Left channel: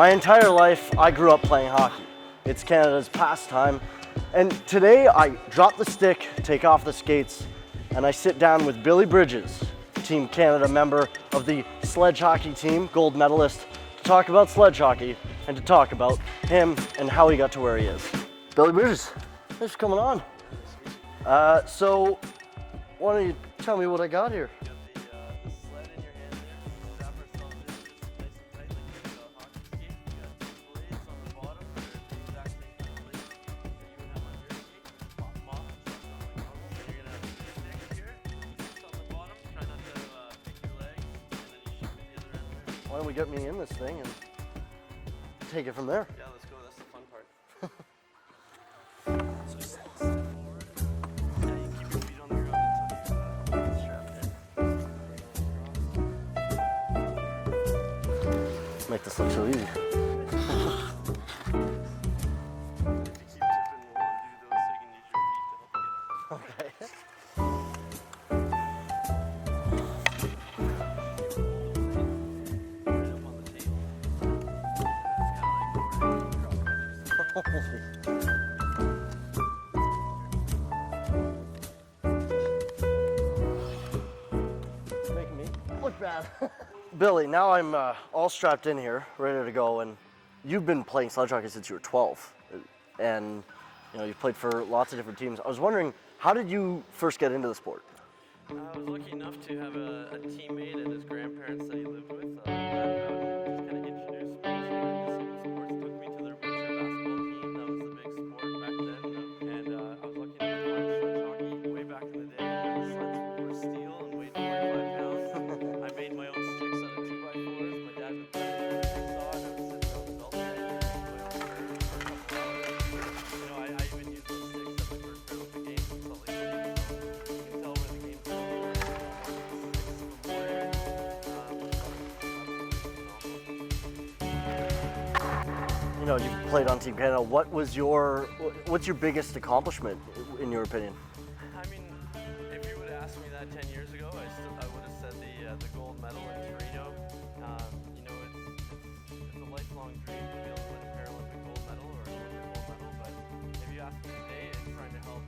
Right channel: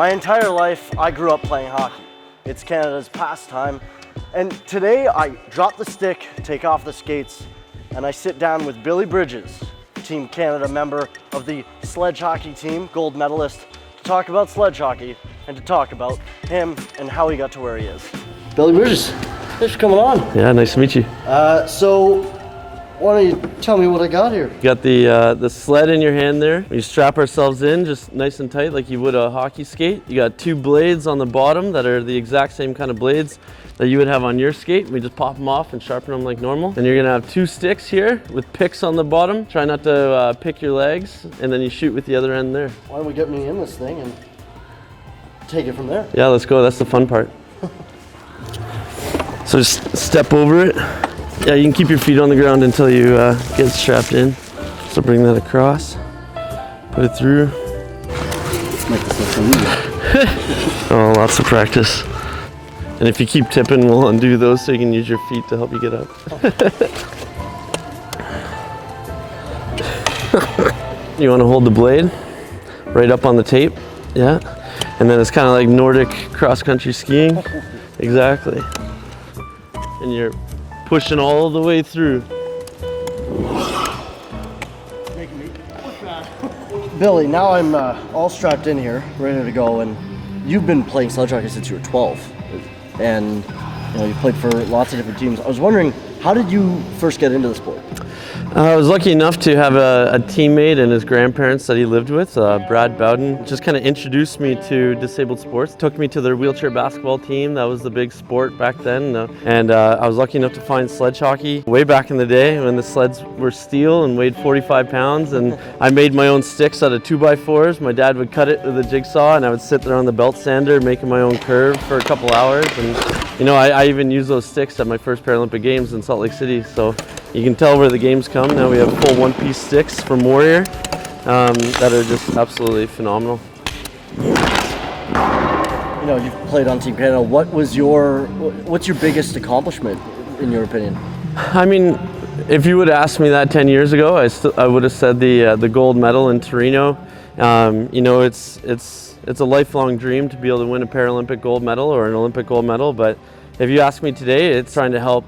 My entire life, I grew up playing hockey. It's Canada's pastime. And today, I drop the stick, take off the skates, and I sit down with Billy Bridges, Team Canada member of the Sledge hockey team, gold medalist, to talk about sledge hockey and to talk about him and how he got to where he is. Billy Bridges, thanks for coming on. Yeah, nice to meet you. So, why don't you tell me what I got here? You got the sled in your hand there. We strap ourselves in just nice and tight like you would a hockey skate. You got two blades on the bottom that are the exact same kind of blades that you would have on your skate. We just pop them off and sharpen them like normal. And you're gonna have two sticks here with picks on the bottom. Try not to pick your legs, and then you shoot with the other end there. Why don't we get me in this thing and take it from there? Yeah, let's go. That's the fun part. So just step over it. Yeah, you can keep your feet on the ground until you get strapped in. So bring that across, put it through. Make this look easy. Oh, lots of practice. And if you keep tipping, we'll undo those so you can use your feet to help you get up. You want to hold the blade right up on the tape, yeah? And then it's kind of like Nordic cross-country skiing. Exactly. And you're pushing all the way through. Billy, now I'm all strapped in here, ready to go, and you've been playing sledge hockey since you were 12. And you played for lots of different teams. I was wondering, how did you first get into the sport? I was lucky enough to have a teammate and his grandparents that he lived with, Brad Bowden, just kind of introduced me to disabled sports. Took me to their wheelchair basketball team. That was the big sport back then. And I was lucky enough to find sledge hockey way back in the day when the sleds were steel and weighed 45 pounds. And I made my own sticks out of 2x4s. My dad would cut it with a jigsaw, and I would sit there on the belt sander making my own curve for a couple hours. And I even used those sticks at my first Paralympic Games in Salt Lake City. So you can tell where the games come. Now we have full one-piece sticks from Warrior that are just absolutely phenomenal. You played on Team Canada. What's your biggest accomplishment, in your opinion? I mean, if you would have asked me that 10 years ago, I would have said the gold medal in Torino. It's a lifelong dream to be able to win a Paralympic gold medal or an Olympic gold medal. But if you ask me today, it's trying to help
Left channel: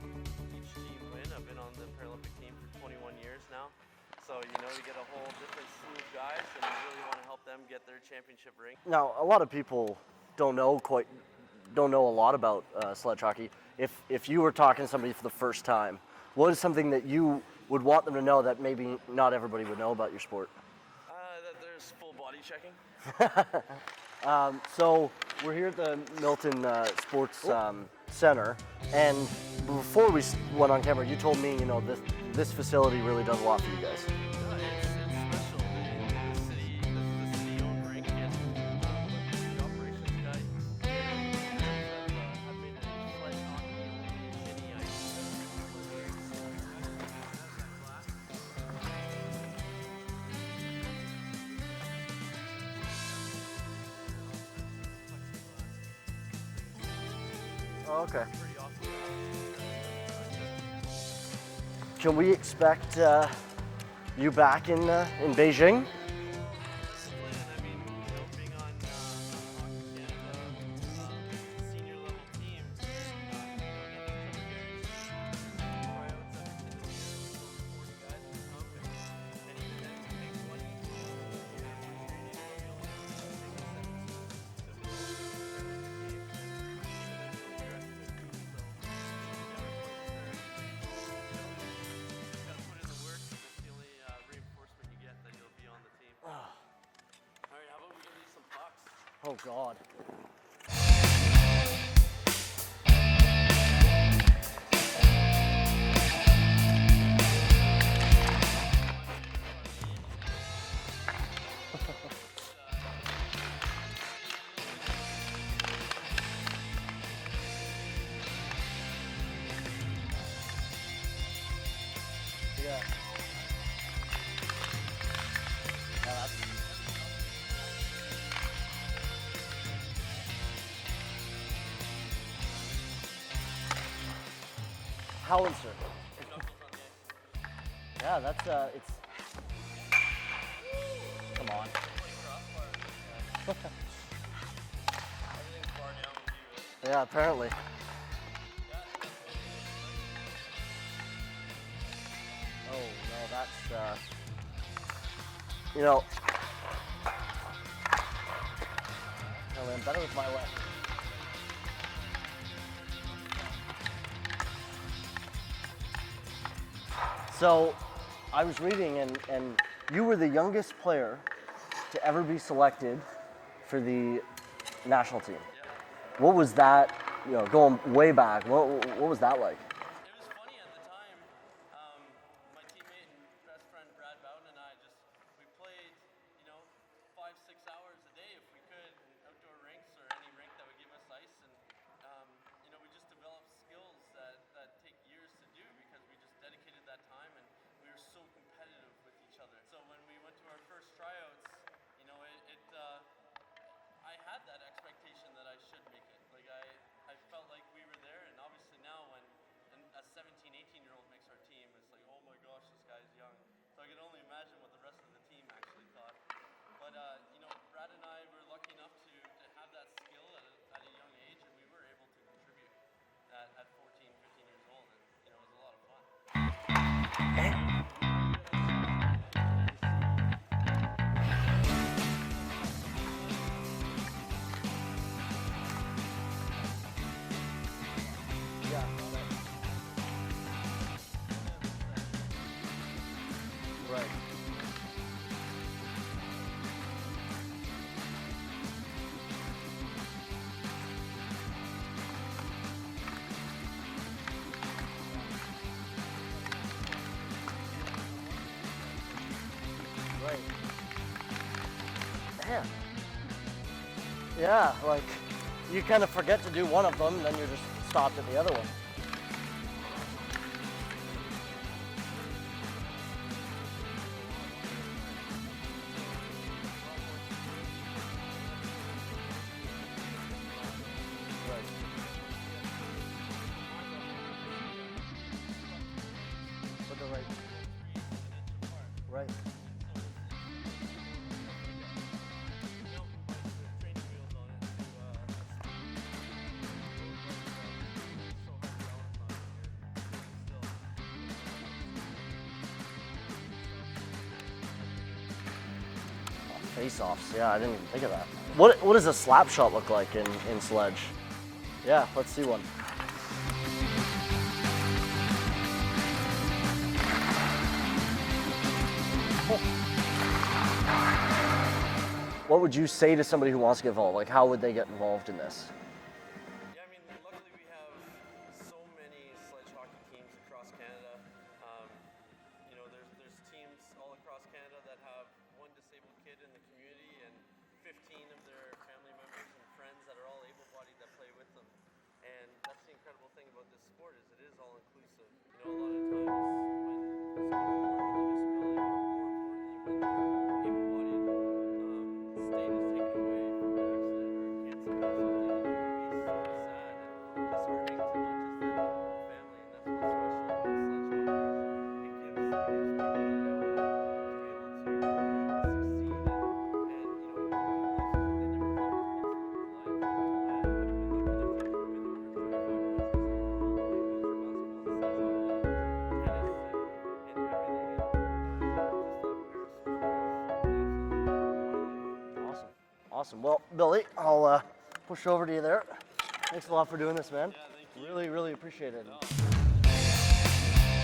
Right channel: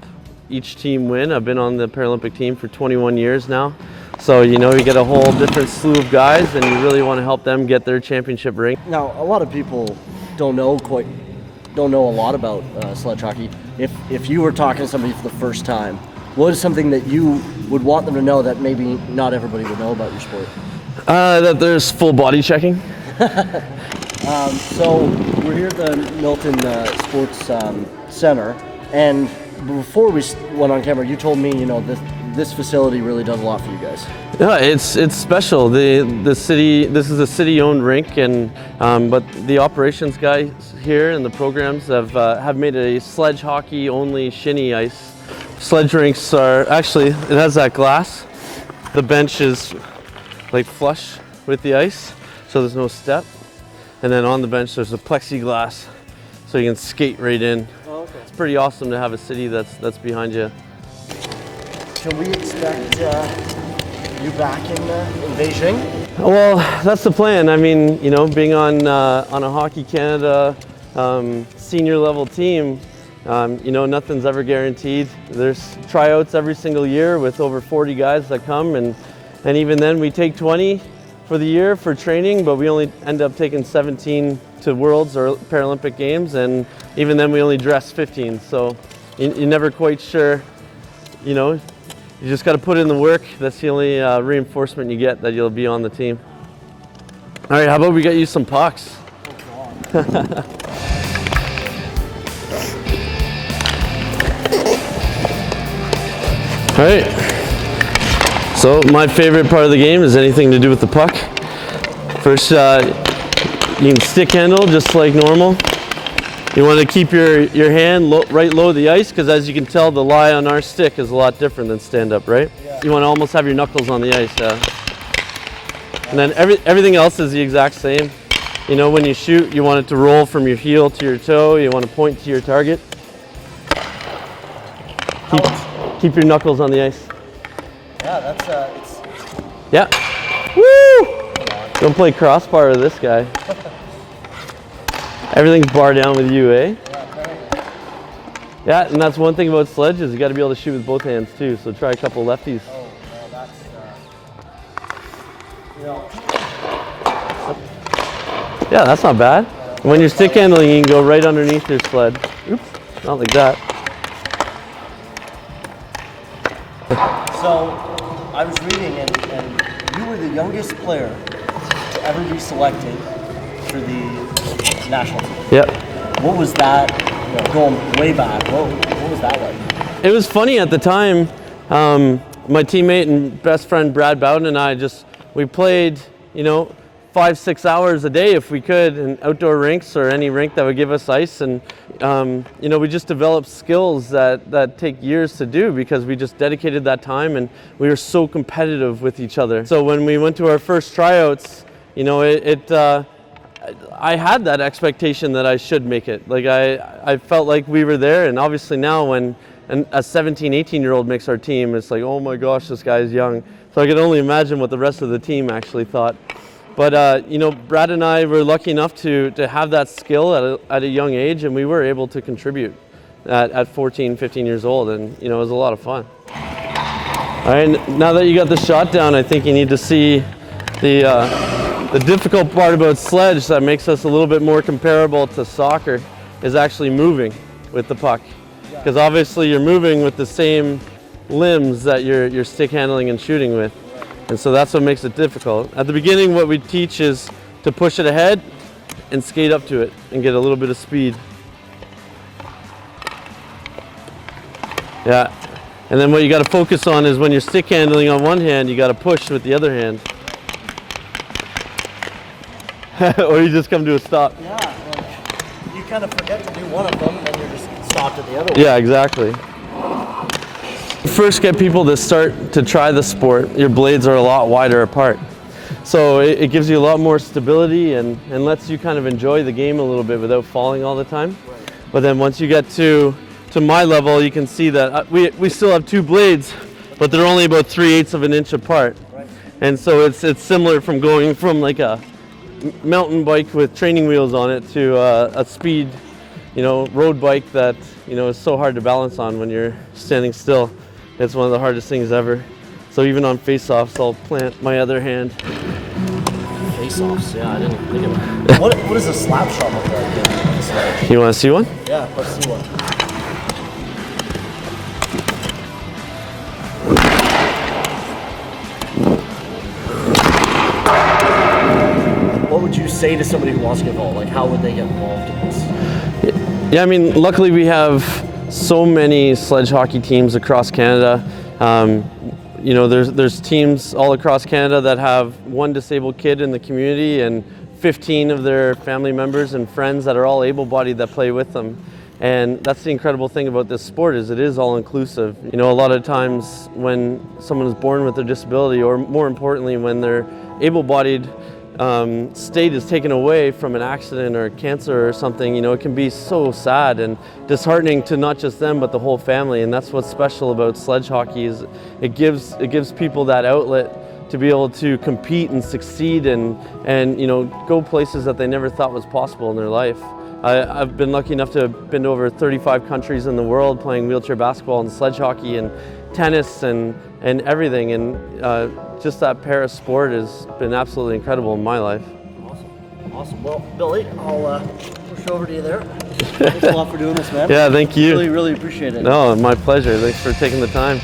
each team win. I've been on the Paralympic team for 21 years now. So, you get a whole different slew of guys, and you really want to help them get their championship ring. Now, a lot of people don't know a lot about sledge hockey. If you were talking to somebody for the first time, what is something that you would want them to know that maybe not everybody would know about your sport? That there's full body checking. So we're here at the Milton Sports Center, and before we went on camera, you told me, this facility really does a lot for you guys. Yeah, it's special. The city. This is a city-owned rink, and but the operations guys here and the programs have made a sledge hockey only shinny ice. Sledge rinks are actually, it has that glass. The bench is like flush with the ice, so there's no step. And then on the bench there's a plexiglass, so you can skate right in. Okay. It's pretty awesome to have a city that's behind you. Can we expect you back in Beijing? Well, that's the plan. I mean, being on a Hockey Canada senior level team, nothing's ever guaranteed. There's tryouts every single year with over 40 guys that come, and even then we take 20 for the year for training, but we only end up taking 17 to Worlds or Paralympic Games, and even then we only dress 15. So you're never quite sure, you just got to put in the work. That's the only reinforcement you get that you'll be on the team. All right, how about we get you some pucks? Oh, All right. So my favorite part of the game is anything to do with the puck. First, you can stick handle just like normal. You want to keep your hand right low to the ice, because as you can tell, the lie on our stick is a lot different than stand up, right? Yeah. You want to almost have your knuckles on the ice. And then everything else is the exact same. When you shoot, you want it to roll from your heel to your toe. You want to point to your target. Keep your knuckles on the ice. Yeah, that's Yeah. Woo! Don't play crossbar with this guy. Everything's bar down with you, eh? Yeah, apparently. Yeah, and that's one thing about Sledge is you got to be able to shoot with both hands too. So try a couple lefties. Oh, well, you know. Yeah, that's not bad. When you're stick handling, you can go right underneath your sled. Oops, not like that. So, I was reading, and you were the youngest player to ever be selected for the national team. Yep. What was that, going way back, what was that like? It was funny at the time. My teammate and best friend Brad Bowden and I we played, 5-6 hours a day if we could in outdoor rinks or any rink that would give us ice, and we just developed skills that take years to do because we just dedicated that time and we were so competitive with each other. So when we went to our first tryouts, I had that expectation that I should make it. Like I felt like we were there, and obviously now when a 17, 18-year-old makes our team, it's like, oh my gosh, this guy's young. So I could only imagine what the rest of the team actually thought. But Brad and I were lucky enough to have that skill at a young age, and we were able to contribute at 14, 15 years old, and it was a lot of fun. All right, now that you got the shot down, I think you need to see the difficult part about Sledge that makes us a little bit more comparable to soccer is actually moving with the puck. Because obviously you're moving with the same limbs that you're stick handling and shooting with. And so that's what makes it difficult. At the beginning, what we teach is to push it ahead and skate up to it and get a little bit of speed. Yeah. And then what you got to focus on is when you're stick handling on one hand, you got to push with the other hand. Or you just come to a stop. Yeah, like you kind of forget to do one of them and you're just stopped at the other one. Yeah, exactly. First get people to start to try the sport, your blades are a lot wider apart. So it gives you a lot more stability and lets you kind of enjoy the game a little bit without falling all the time. Right. But then once you get to my level, you can see that we still have two blades, but they're only about 3/8 of an inch apart. Right. And so it's similar from going from like a mountain bike with training wheels on it to a speed, road bike that, is so hard to balance on when you're standing still. It's one of the hardest things ever. So even on face-offs, I'll plant my other hand. Face-offs, yeah, I didn't think of it. What does a slap shot look like? You want to see one? Yeah, let's see one. What would you say to somebody who wants to get involved? Like, how would they get involved in this? Yeah, I mean, luckily we have so many sledge hockey teams across Canada. There's teams all across Canada that have one disabled kid in the community and 15 of their family members and friends that are all able-bodied that play with them. And that's the incredible thing about this sport is it is all-inclusive. A lot of times when someone is born with a disability, or more importantly, when their able-bodied state is taken away from an accident or cancer or something, it can be so sad and disheartening to not just them but the whole family. And that's what's special about sledge hockey is it gives people that outlet to be able to compete and succeed and go places that they never thought was possible in their life. I've been lucky enough to have been to over 35 countries in the world playing wheelchair basketball and sledge hockey and tennis and everything, and just that pair of sport has been absolutely incredible in my life. Awesome. Well, Billy, I'll push over to you there. Thanks a lot for doing this, man. Yeah, thank you. Really, really appreciate it. No, my pleasure. Thanks for taking the time.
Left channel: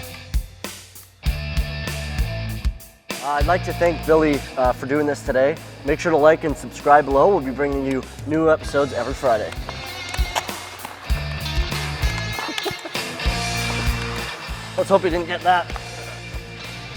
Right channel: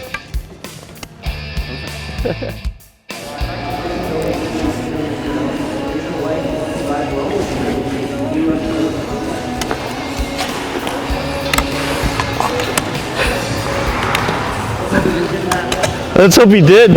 I'd like to thank Billy for doing this today. Make sure to like and subscribe below. We'll be bringing new episodes every Friday. Let's hope he didn't get that. Let's hope he did.